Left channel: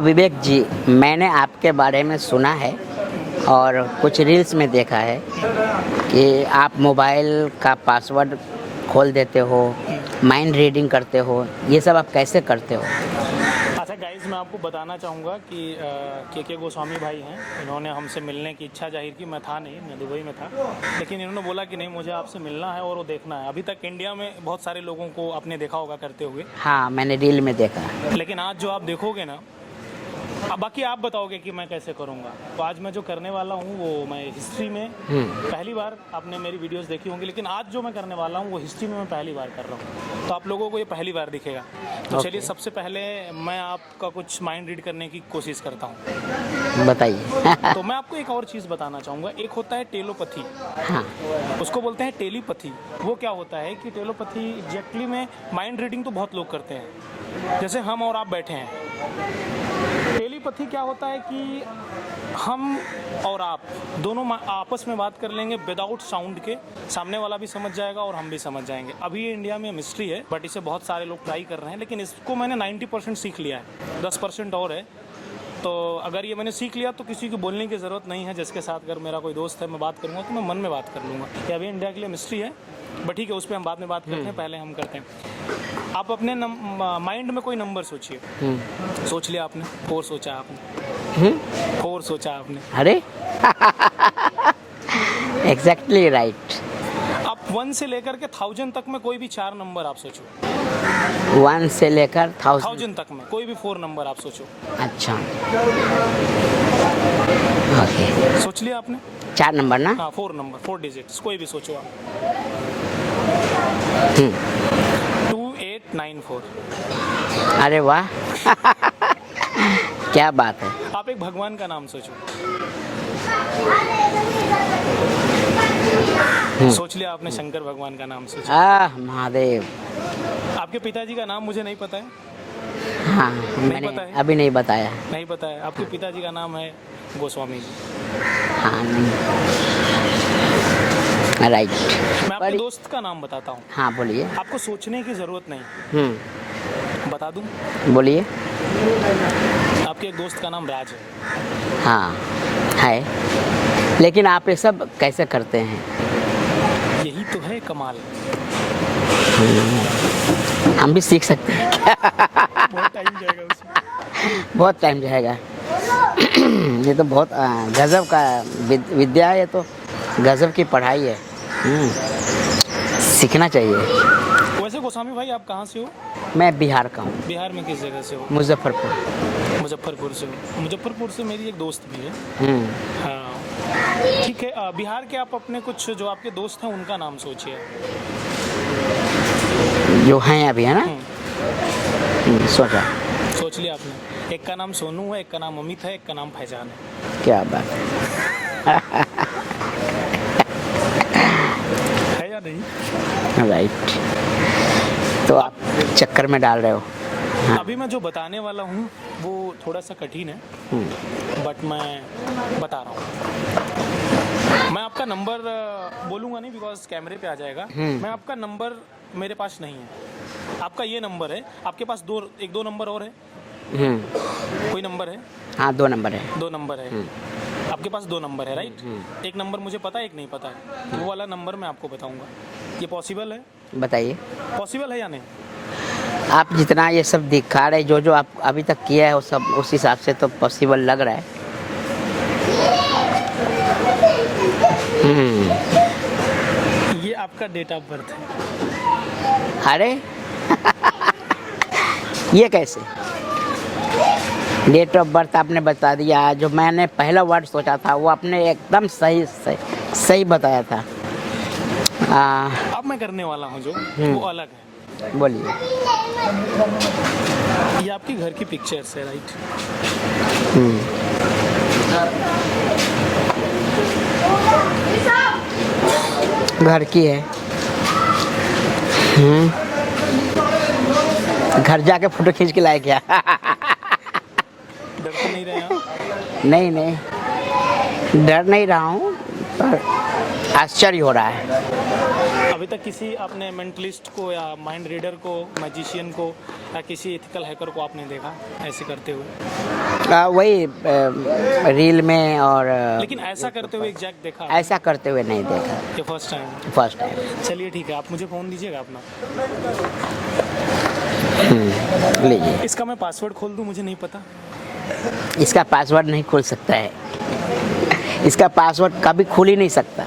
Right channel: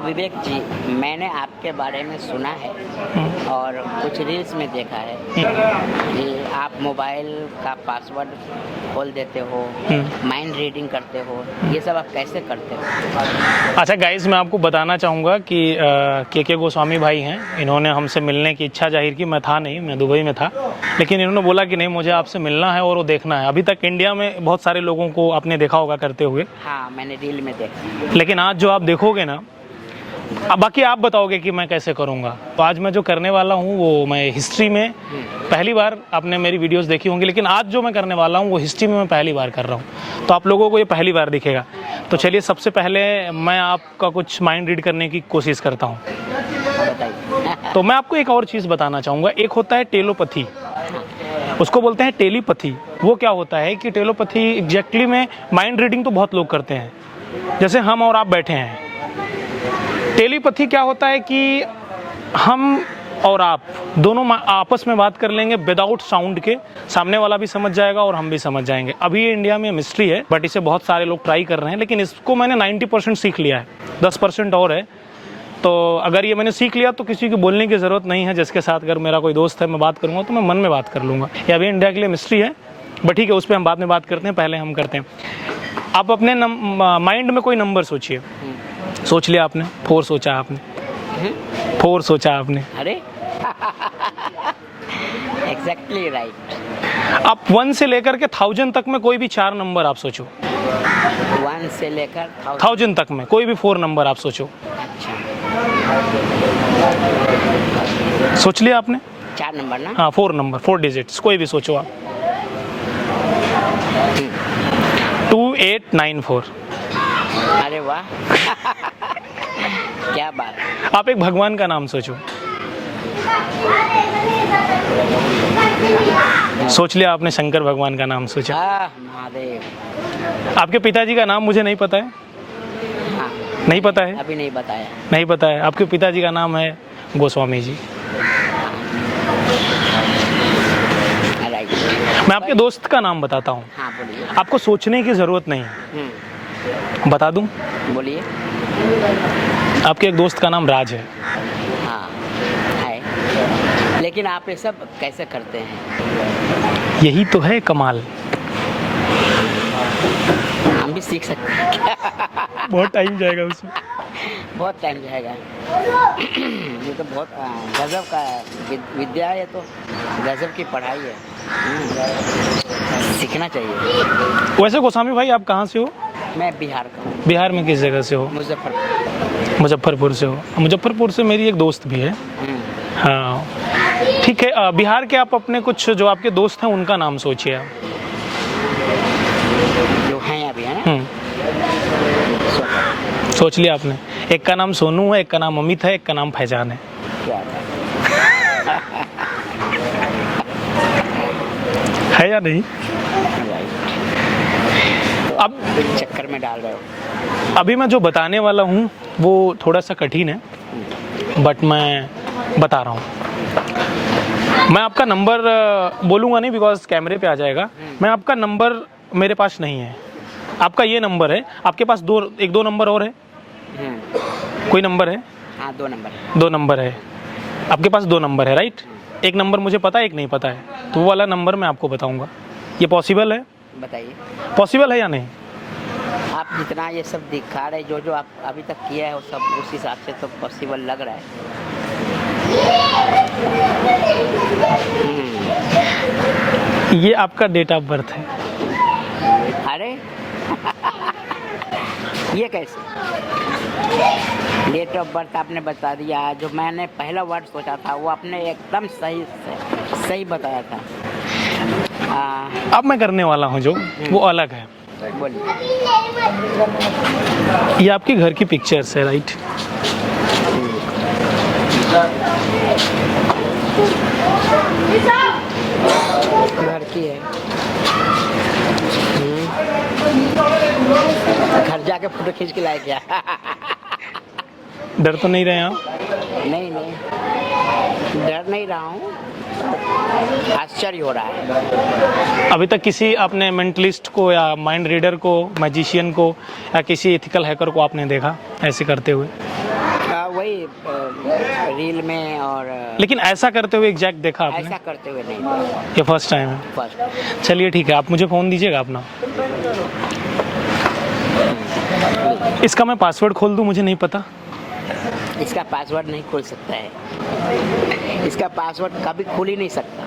विवेक जी, मैंने आपके बारे में सुना है और कुछ रील्स में देखा है कि आप मोबाइल का पासवर्ड खोल देते हो, माइंड रीडिंग करते हो, ये सब आप कैसे करते हो? अच्छा गाइस, मैं आपको बताना चाहूँगा कि के गोस्वामी भाई हैं। इन्होंने हमसे मिलने की इच्छा जाहिर की। मैं था नहीं, मैं दुबई में था, लेकिन इन्होंने बोला कि नहीं, मुझे आपसे मिलना है और वो देखना है। अभी तक इंडिया में बहुत सारे लोगों को आपने देखा होगा करते हुए। हाँ, मैंने रील में देखा है। लेकिन आज जो आप देखोगे ना, अब बाकी आप बताओगे कि मैं कैसे करूँगा। तो आज मैं जो करने वाला हूँ वो मैं हिस्ट्री में पहली बार, आपने मेरी वीडियोस देखी होंगी, लेकिन आज जो मैं करने वाला हूँ वो हिस्ट्री में मैं पहली बार कर रहा हूँ। तो आप लोगों को ये पहली बार दिखेगा। तो चलिए, सबसे पहले मैं आपका कुछ माइंड रीड करने की कोशिश करता हूँ। बताइए। तो मैं आपको एक और चीज़ बताना चाहूँगा। एक होता है टेलोपैथी, हाँ, उसको बोलते हैं टेलीपैथी। वो क्या होता है कि टेलोपैथी एग्जैक्टली में माइंड रीडिंग तो बहुत लोग करते हैं, जैसे हम और आप बैठे हैं। टेलीपैथी क्या होता है कि हम और आप दोनों आपस में बात कर लेंगे विदाउट साउंड के, सामने वाला भी समझ जाएगा और हम भी समझ जाएंगे। अभी ये इंडिया में मिस्ट्री है, बट इसे बहुत सारे लोग ट्राई कर रहे हैं, लेकिन इसको मैंने 90% सीख लिया है, 10% और है। तो अगर ये मैंने सीख लिया तो किसी को बोलने की ज़रूरत नहीं है। जिसके साथ अगर मेरा कोई दोस्त है, मैं बात करूँगा तो मैं मन में बात कर लूँगा। ये अभी इंडिया के लिए मिस्ट्री है, बट ठीक है, उस पर हम बाद में बात करते हैं। पहले हम करते हैं, आप अपने माइंड में कोई नंबर सोचिए। सोच लिया आपने? 4 सोचा आपने? 4 सोचा आपने? अरे एग्जैक्टली राइट। आप 1 से लेकर के 1000 तक में कोई भी 4 नंबर आप सोचो। 1 से लेकर 1000 तक में कोई भी 4 नंबर आप सोचो। अच्छा, सोच लिया आपने? 4 नंबर ना? हाँ, 4 नंबर, 4 डिजिट्स, कोई भी सोचो आप। 2894। अरे वाह। क्या बात है। आप एक भगवान का नाम सोचो। सोच लिया आपने? शंकर भगवान का नाम सोचा। महादेव। आपके पिताजी का नाम मुझे नहीं पता है। हाँ, नहीं पता है? अभी नहीं बताया। नहीं पता है? आपके पिताजी का नाम है गोस्वामी जी। राइट। मैं आपके दोस्त का नाम बताता हूँ। हाँ, बोलिए। आपको सोचने की ज़रूरत नहीं है। बता दूँ? बोलिए। आपके एक दोस्त का नाम राज है। हाँ है, लेकिन आप ये सब कैसे करते हैं? यही तो है कमाल। हम भी सीख सकते हैं क्या? बहुत टाइम जाएगा उसमें। बहुत टाइम जाएगा। ये तो बहुत गजब का विद्या है, ये तो गजब की पढ़ाई है। सीखना चाहिए। वैसे गोस्वामी भाई, आप कहाँ से हो? मैं बिहार का हूँ। बिहार में किस जगह से हो? मुजफ्फरपुर। मुजफ्फरपुर से हो? मुजफ्फरपुर से मेरी एक दोस्त भी है। हाँ, ठीक है। बिहार के आप अपने कुछ जो आपके दोस्त हैं उनका नाम सोचिए आप। जो हैं अभी, है ना? सोचा। सोच लिया आपने? एक का नाम सोनू है, एक का नाम अमित है, एक का नाम फैजान है। क्या बात है या नहीं? राइट। तो अब चक्कर में डाल रहे हो। अभी मैं जो बताने वाला हूँ वो थोड़ा सा कठिन है, बट मैं बता रहा हूँ। मैं आपका नंबर बोलूँगा नहीं, बिकॉज कैमरे पे आ जाएगा। मैं आपका नंबर मेरे पास नहीं है। आपका ये नंबर है। आपके पास 2 नंबर और है? कोई नंबर है? हाँ, 2 नंबर है। 2 नंबर है। आपके पास 2 नंबर है, राइट? एक नंबर मुझे पता है, एक नहीं पता है। तो वो वाला नंबर मैं आपको बताऊँगा। ये पॉसिबल है? बताइए। पॉसिबल है या नहीं? आप जितना ये सब दिखा रहे, जो आप अभी तक किया है वो सब उस हिसाब से तो पॉसिबल लग रहा है। ये आपका डेट ऑफ बर्थ है। अरे ये कैसे? डेट ऑफ बर्थ आपने बता दिया। जो मैंने पहला वर्ड सोचा था वो आपने एकदम सही बताया था। अब मैं करने वाला हूँ जो वो अलग है। बोलिए। ये आपके घर की पिक्चर्स है, राइट? घर की है। घर जाके फोटो खींच के लाए क्या? डर तो नहीं रहे आप? नहीं, डर नहीं रहा हूँ, आश्चर्य हो रहा है। अभी तक किसी आपने मेंटलिस्ट को या माइंड रीडर को, मैजिशियन को या किसी एथिकल हैकर को आपने देखा ऐसे करते हुए? वही रील में और लेकिन ऐसा करते हुए एग्जैक्ट देखा आपने? ऐसा करते हुए नहीं देखा, ये फर्स्ट टाइम है? फर्स्ट। चलिए ठीक है, आप मुझे फ़ोन दीजिएगा अपना। लीजिए। इसका मैं पासवर्ड खोल दूं, मुझे नहीं पता। इसका पासवर्ड नहीं खुल सकता है, इसका पासवर्ड कभी खुल ही नहीं सकता,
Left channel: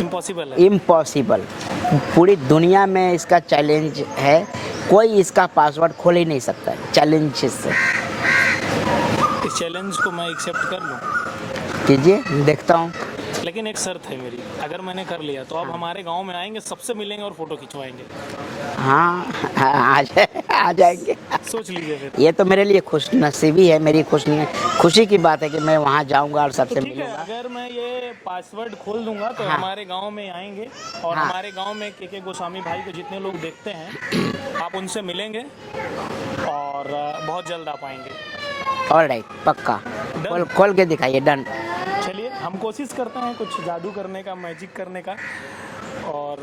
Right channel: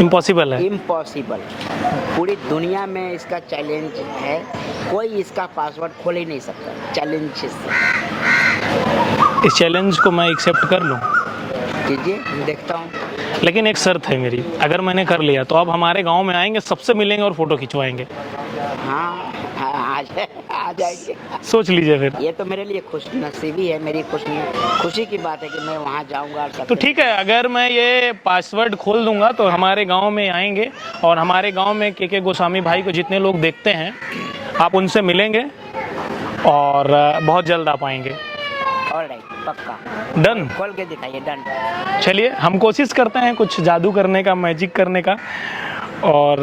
इम्पॉसिबल है। इम्पॉसिबल। पूरी दुनिया में इसका चैलेंज है, कोई इसका पासवर्ड खोल ही नहीं सकता, चैलेंज से। इस चैलेंज को मैं एक्सेप्ट कर लूं? कीजिए, देखता हूँ। लेकिन एक शर्त है मेरी, अगर मैंने कर लिया तो आप हमारे गांव में आएंगे, सबसे मिलेंगे और फोटो खिंचवाएंगे। हाँ, आ जाएंगे। सोच लीजिए फिर। ये तो मेरे लिए खुश नसीबी है, मेरी खुशी की बात है कि मैं वहाँ जाऊँगा और तो सबसे ठीक है, अगर मैं ये पासवर्ड खोल दूंगा तो हमारे गांव में आएंगे और हमारे गांव में के गोस्वामी भाई को जितने लोग देखते हैं, आप उनसे मिलेंगे और बहुत जल्द आप आएंगे। ऑलराइट, पक्का। डन। खोल के दिखाइए। डन। चलिए, हम कोशिश करते हैं कुछ जादू करने का, मैजिक करने का, और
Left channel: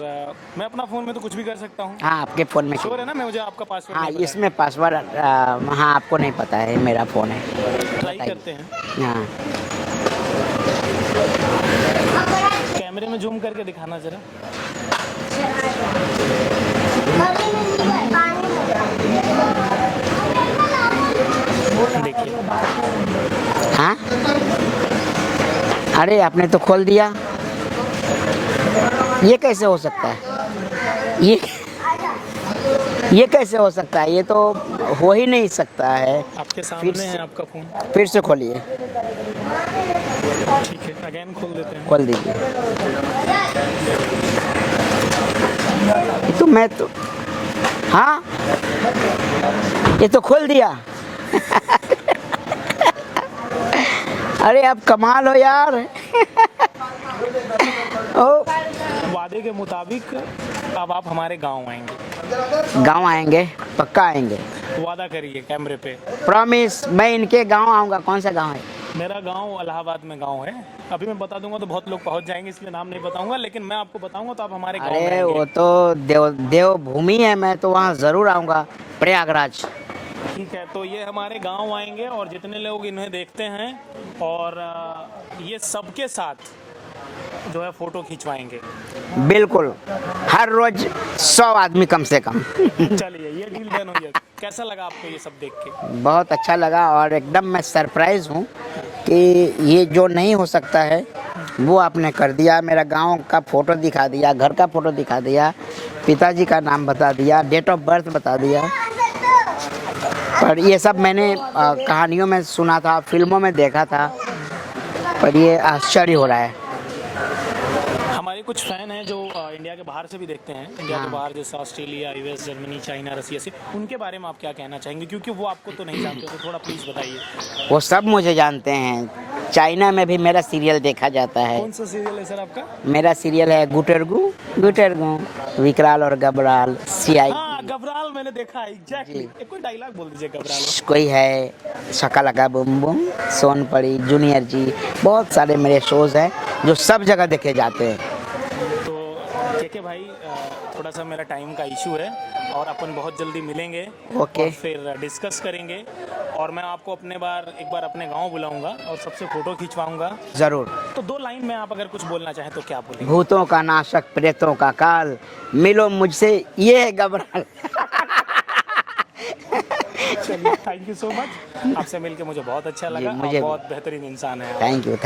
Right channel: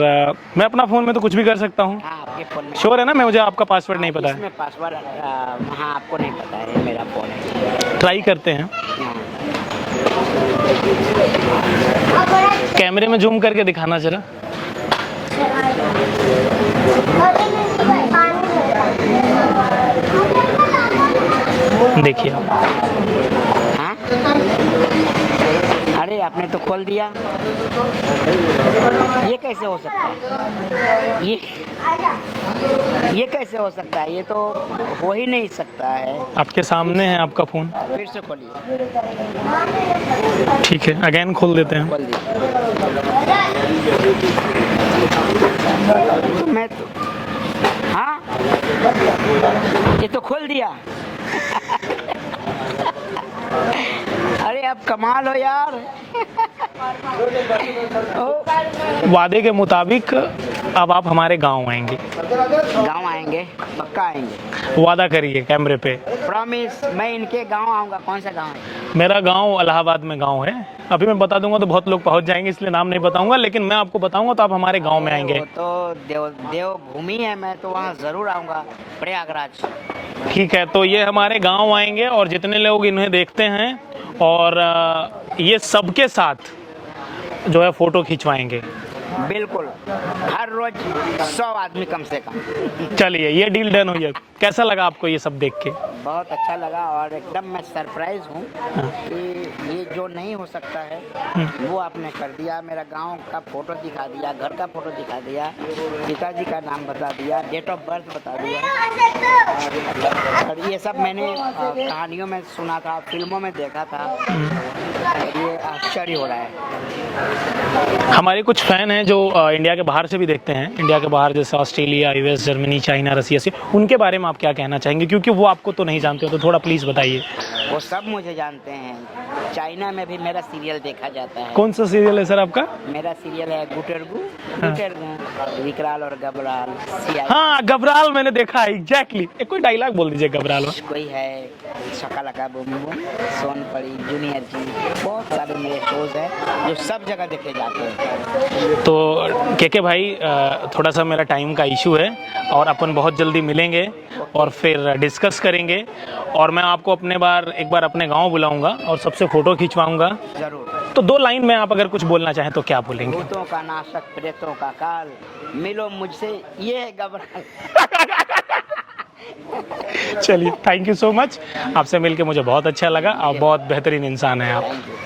मैं अपना फ़ोन में तो कुछ भी कर सकता हूँ। हाँ, आपके फ़ोन में श्योर है ना? मुझे आपका पासवर्ड नहीं पता है। इसमें पासवर्ड हाँ, आपको नहीं पता है, मेरा फ़ोन है। ट्राई करते हैं। हाँ, कैमरे में जूम करके दिखाना जरा। देखिए। हाँ, अरे आपने तो खोल दिया, ये कैसे हो सकता है? ये कैसे हो सकता है? ये तो हो ही नहीं सकता है। आपके सामने है आपका फ़ोन। फिर से खोलिए। ठीक है, अगेन खोल देते हैं। खोल दीजिए। तो मैं तो हाँ, ये तो खोल दिया। अरे आप कमाल हो यार। ओ, वादे के मुताबिक अब आप हमारे गांव आएंगे। गांव आएंगे, पक्का आएंगे। वादा करिए कैमरे पे। प्रॉमिस, मैं इनके गांव आऊंगा। कौन सा गांव है? मेरा गांव इलाहाबाद में गांव है। अभी मैं बता दूंगा तो बहुत लोग पहुंच जाएंगे, इसलिए नाम नहीं बताऊंगा, लेकिन मैं आपको बताऊंगा तो आप हमारे गांव में अरे आएंगे। वो तो देवभूमि है, मैं तो वहाँ जरूर आऊंगा, प्रयागराज। ठीक है, तो ये हमारे गांव आएंगे और जितने लोग इन्हें देखते हैं और ये सबके साथ जो है फोटो खिंचवाएंगे। बिल्कुल, हर रोज 100 आदमी कम से कम। चलिए, ये डील डन हुई है। कैसा लगा आपको ये सब देख के? बहुत अच्छा लगा और एकदम मैं सरप्राइज हूँ कि ये जो नहीं हो सकता है वो आपने कर दिया। मेरा गांव का फोटो दिखा दिया, घर का फोटो दिखा दिया, पिताजी का नाम बता दिया, डेट ऑफ बर्थ बता दिया। पर ये सब मैंने कहानियों में सुना था, फिल्मों में देखा था, पर ये आश्चर्य हो रहा है। हमारे कुछ फ़ैन हैं जो इंडिया के बाहर से भी देखते हैं, इंडिया के बाहर जैसे ऑस्ट्रेलिया, यूएस, जर्मनी, चाइना, रसिया से। उनके बारे में आप क्या कहना चाहेंगे? क्योंकि वो आपको तो नहीं जानते हो, तो थोड़ा प्लीज़ बताइए। वो सब मुझे जानते हैं। चाइना में भी मेरा सीरियल देखा जाता है। कौन सा सीरियल है सर आपका? मेरा सीरियल है गुटेरगु, विकराल और गबराल, CI। हाँ, घबराल मैंने देखा है, एग्जैक्टली। कोई डायलॉग बोल दीजिए घबराल में। कोई है Shakalaka boom boom, Sonpari, junior जी, बहुत सारे मेरे शोज हैं जो सब जगह देखे जाते हैं। तो के भाई, थोड़ा सा मेरा टाइम का इशू है और अपन बहुत जल्दी मिलेंगे और फिर डिस्कस करेंगे, और मैं आपको एक बार अपने गांव बुलाऊंगा और सबसे फोटो खिंचवाऊंगा जरूर। तो 2 लाइन में आप अगर कुछ बोलना चाहें तो क्या बोलेंगे? भूतों का नाशक, प्रेतों का काल, मिलो मुझसे, ये है गबराल। चलिए, थैंक यू सो मच। आपसे मिलके मुझे बहुत अच्छा लगा। आप बहुत बेहतरीन इंसान हैं आप। Thank you.